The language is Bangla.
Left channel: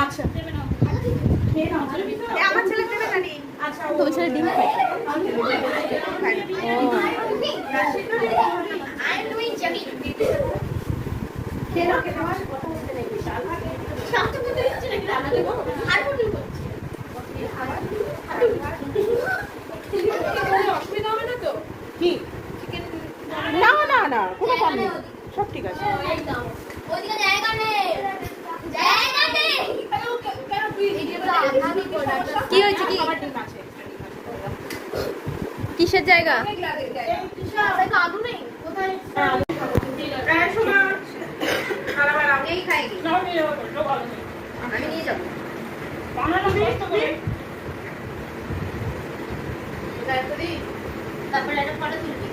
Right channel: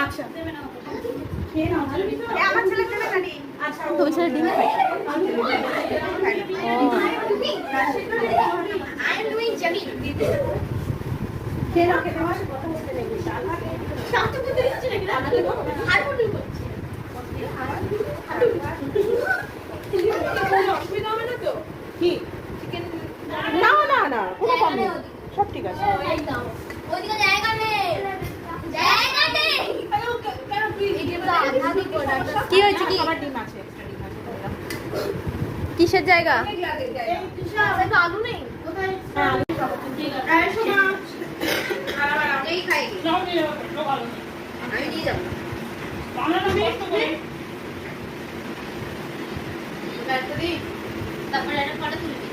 আচ্ছা আমার ছেলে দেবে না নি তো ওই ছেলে ডিম খায়। ও কি না না না কোনো কম নেই সব ঠিক আছে কি হয়েছে কি কিসের জায়গা? তারপরে একটা ফটো তুলবি।